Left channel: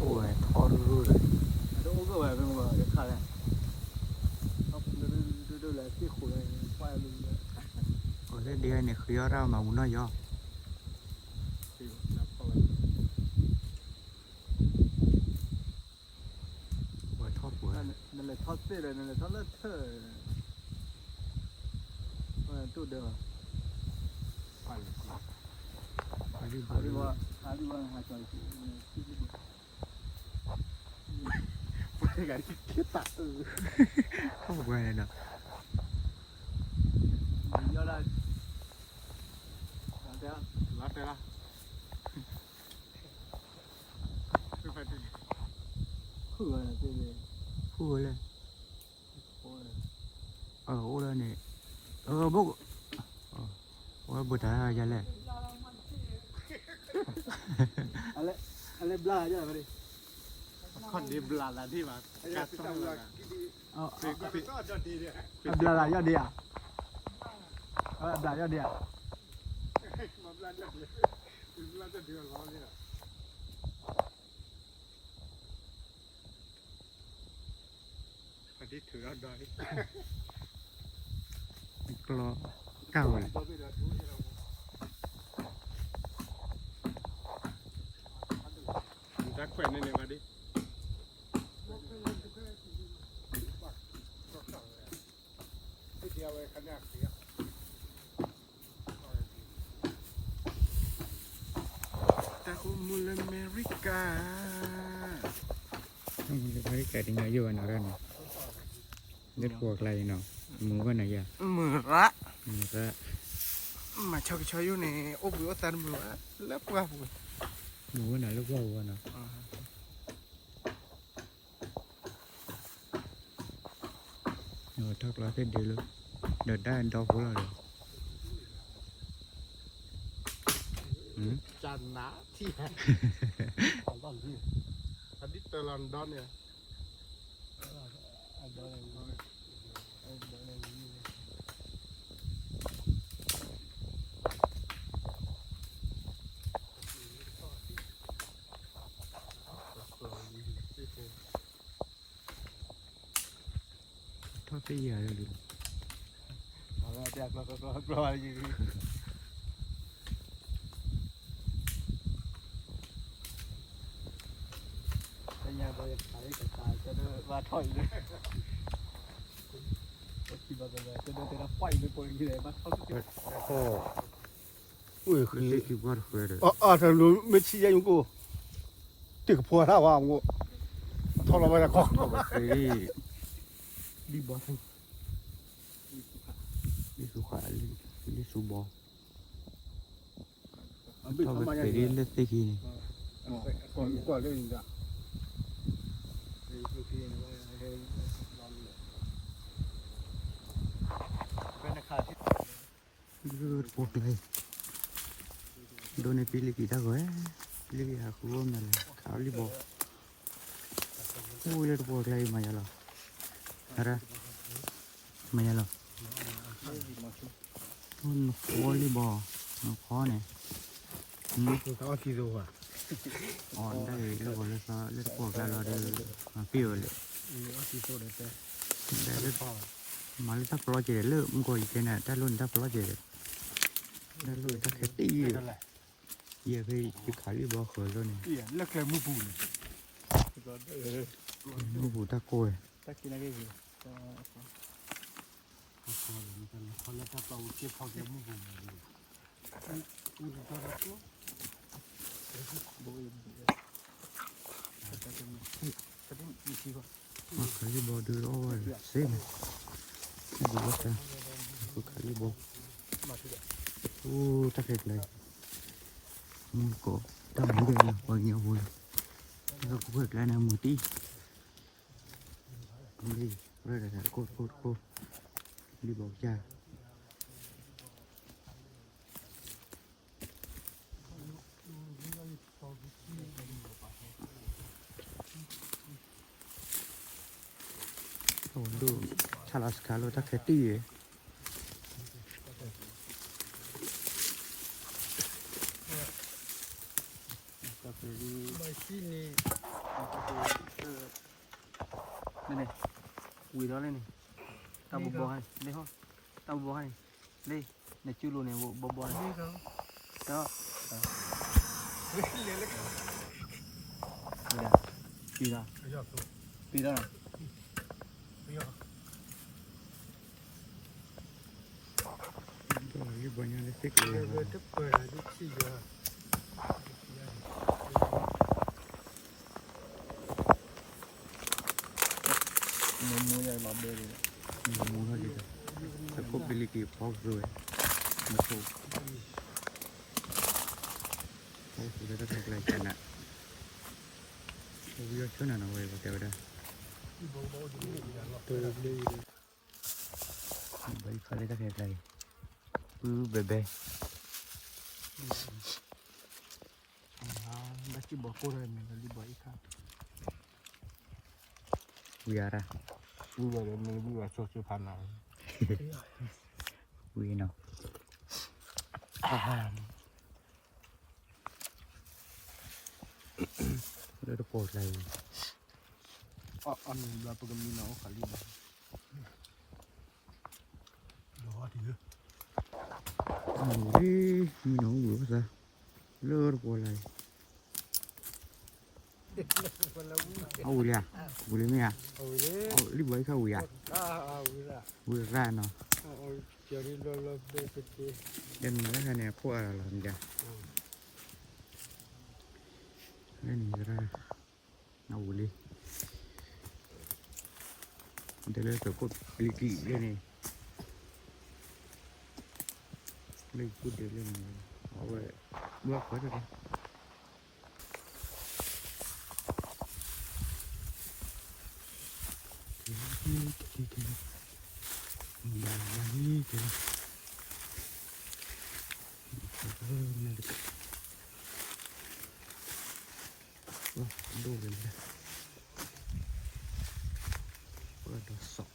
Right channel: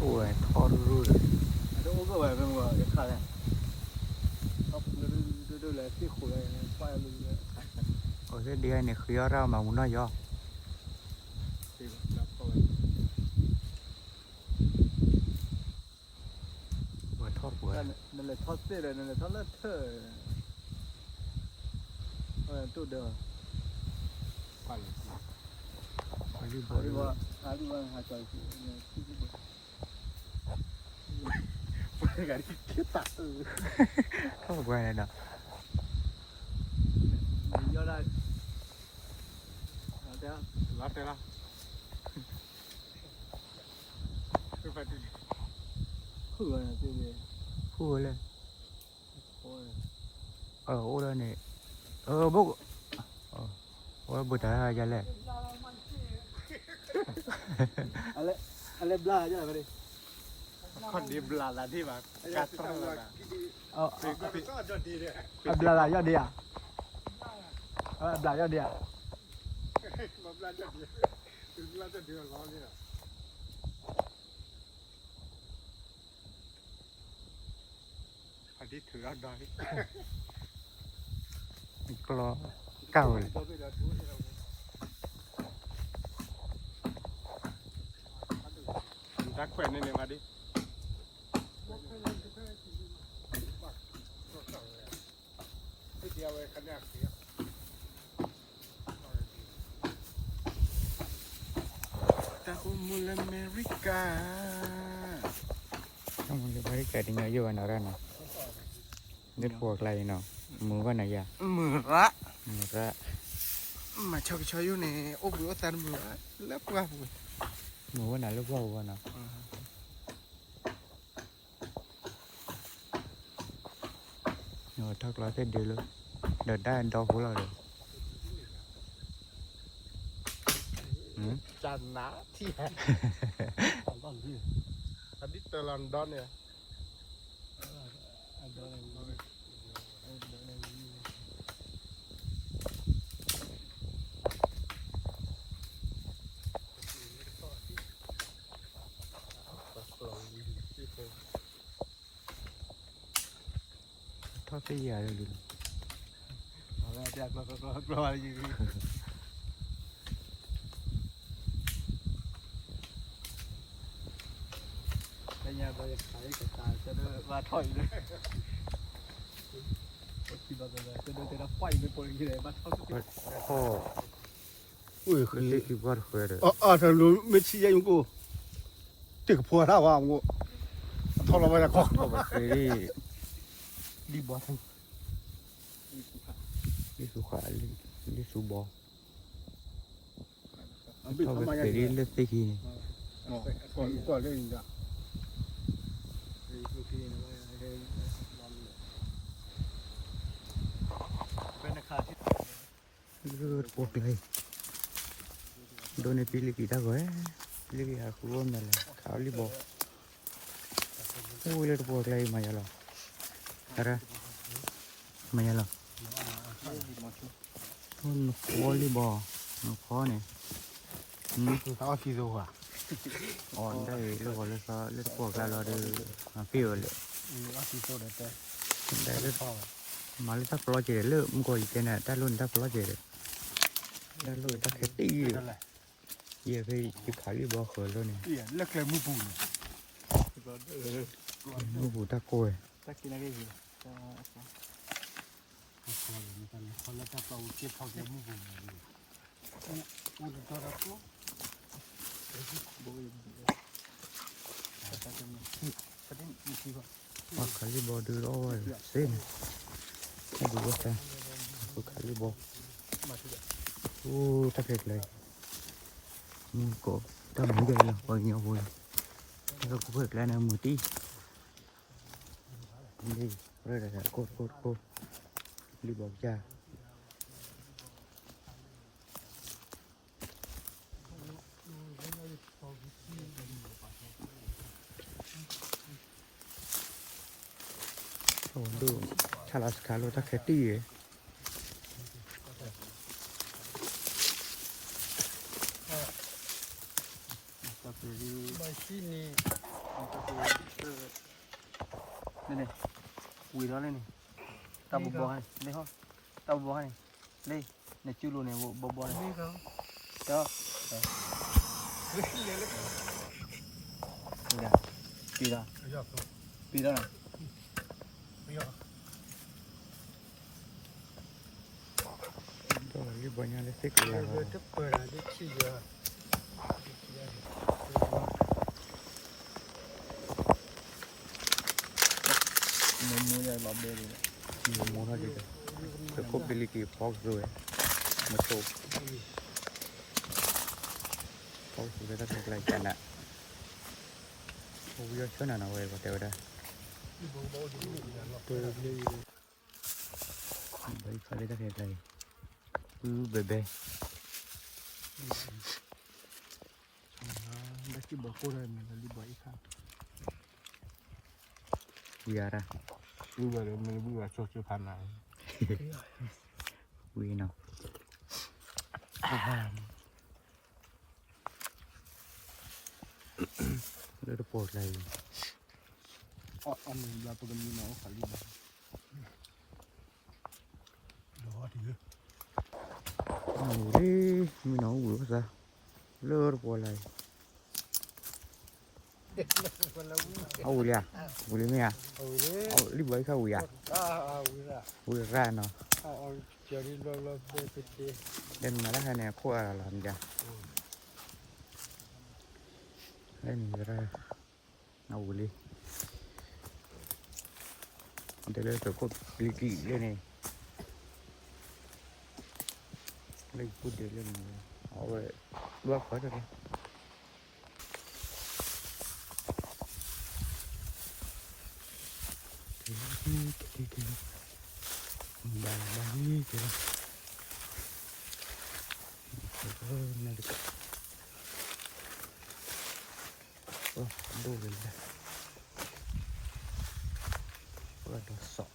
ôi thò rồi đâu có vậy mà cái khai này không đưa lại cái khối này quay mình ở cái đĩa này khi ra mà muốn nói do vừa thoát vừa nên là thoát tê rồi nên là thoát lết thở tụt được đi bộ đi bộ không quay này nè phu lên ô đây này bố bố thấy ra lên ale bla aja tadi คนดีบลาละที่มากัดตรงนั้น bla aja dia bla aja dia มาบลาจะเดือดบลาจะเดือดร้อนเนี่ยคนที่ถือเอาดอย กลอเก่าเลย รักแขวนเนี่ยมาดิตาคุมุลอเมริกา không có phải cái đi nhớ vô nào ra nào nhất cuộc này nào mua cái này à มือละ ra มาชอบชอบอยู่ในอบวิวตันมือแล้วกว่าบุญ mua cái này lúc vô cái nào rồi thật là cái điều luôn đợt đã anh đâu cũng là được จันนะที่อันนี้ตัวลอนดอนเนี่ยทอดไปเยอะเลย อยากเราปล่อยอยู่ nhà bây giờ thấy cái tài cho nó va thôi đấy khi mà bây giờ cho nó quay với tôi như thế mà không cái โอ้ อุ้ย คุณได้คิดว่าเคยเลย ถ้ารู้ไม่ชี้ยังกู这个破他话我拖了我也光 เคยได้ ดีบอส ได้สุขาได้สุบอทอดไปเคยได้เลือกได้กี่ ก่อนเรื่องนี้ เป็นราคาที่ เลือดปวดเลยโดนในปีลิกิตาก็ลิกิอาคุร่มนั่นแหละขาวลิบอโอ้เลือดปวดเลยมาอย่าหรออะไรมาอย่าหรอต้นหัวลิบอคอเนี่ย เขาคิดดูว่า อ่อนได้แล้วก็เลยก็เลือดปวดแล้วเราได้มาฟิวเลย เขาคิดดูได้แต่ ได้เลือดมาเลยถ้าปลอดเจริญเลิกมันก็อีกแค่น่ะถ้ารุ่นถ้าปลอดเจริญได้เลยถ้าแค่ตีเยี่ยไปขายลิบอเขินแล้วเนี่ย เลิกเลยมือปูน มือบูตะโกย ก็กินอะไรอยู่ คนละถ้าเราเก็บเขาจะมือปูนปูนตัวละตัว ว่าขายลิบอดูแล้วเส้นถ้าดูว่าจะขายลิบอโอ้ตะเกียบเลยก็ทำไม่ได้หรอกว่าเงี้ยบุญแล้วก็เปิดแล้วนะมือตีนี่เรื่อยๆโคตรรีบบอกจ้าโอ้ดูชาลาสคาโลตะเกียบตี sini. นี่นี่วุ้ยร้อนเลยนี่ตาบบให้นี่ห้องตาบบให้นี่ในจูโร่เนี่ยบบให้ Ni kau. เจ้า Ni yang lagi. นี่นะปีละ Ya tu. ปีละ Ya. ก็รีบเนี่ยเลยสิกเลย Dia tu pernah di sini. มือใหญ่รอบเบลเลย มูน่าดีแต่ก็บิลิกี้พอกด้วยมาโตพอกสุดแล้วก็ไกลกันอ่ะโอ้ยชนนะเว้ยก็เดี๋ยวได้ Bau-bau di ni ya lah. ใบฟ้าได้ก็ไกลเบเบ้ Bagi bakuran kali baik kan. วิอาระ Buat ni buat sosu panai. วิเนาะแล้วจะปวดอะไร Oh, anu berapa gemina kali bah. Loh dia. นี่มีน้องหัวซะเลิศปวดอะไรเอาวุ้ยอ่ะวุ้ยไม่อ่ะ Oh ni. เอารีบไว้เข้าวุ้ยอ่ะ Wira. วุ้ยแร่เนาะ Oh, jadi lolos BPT. เล่นมาแล้วคะแนนขั้วอะไรมันจะเล่นนี่ก็ได้เอาเลยมันจะเล่นตัวกดปลีกีเลยนี่เล่นกูเดี๋ยวเล่นเอาไว้ว่าเขาจะได้ดูเลยนะว่าเราสอบ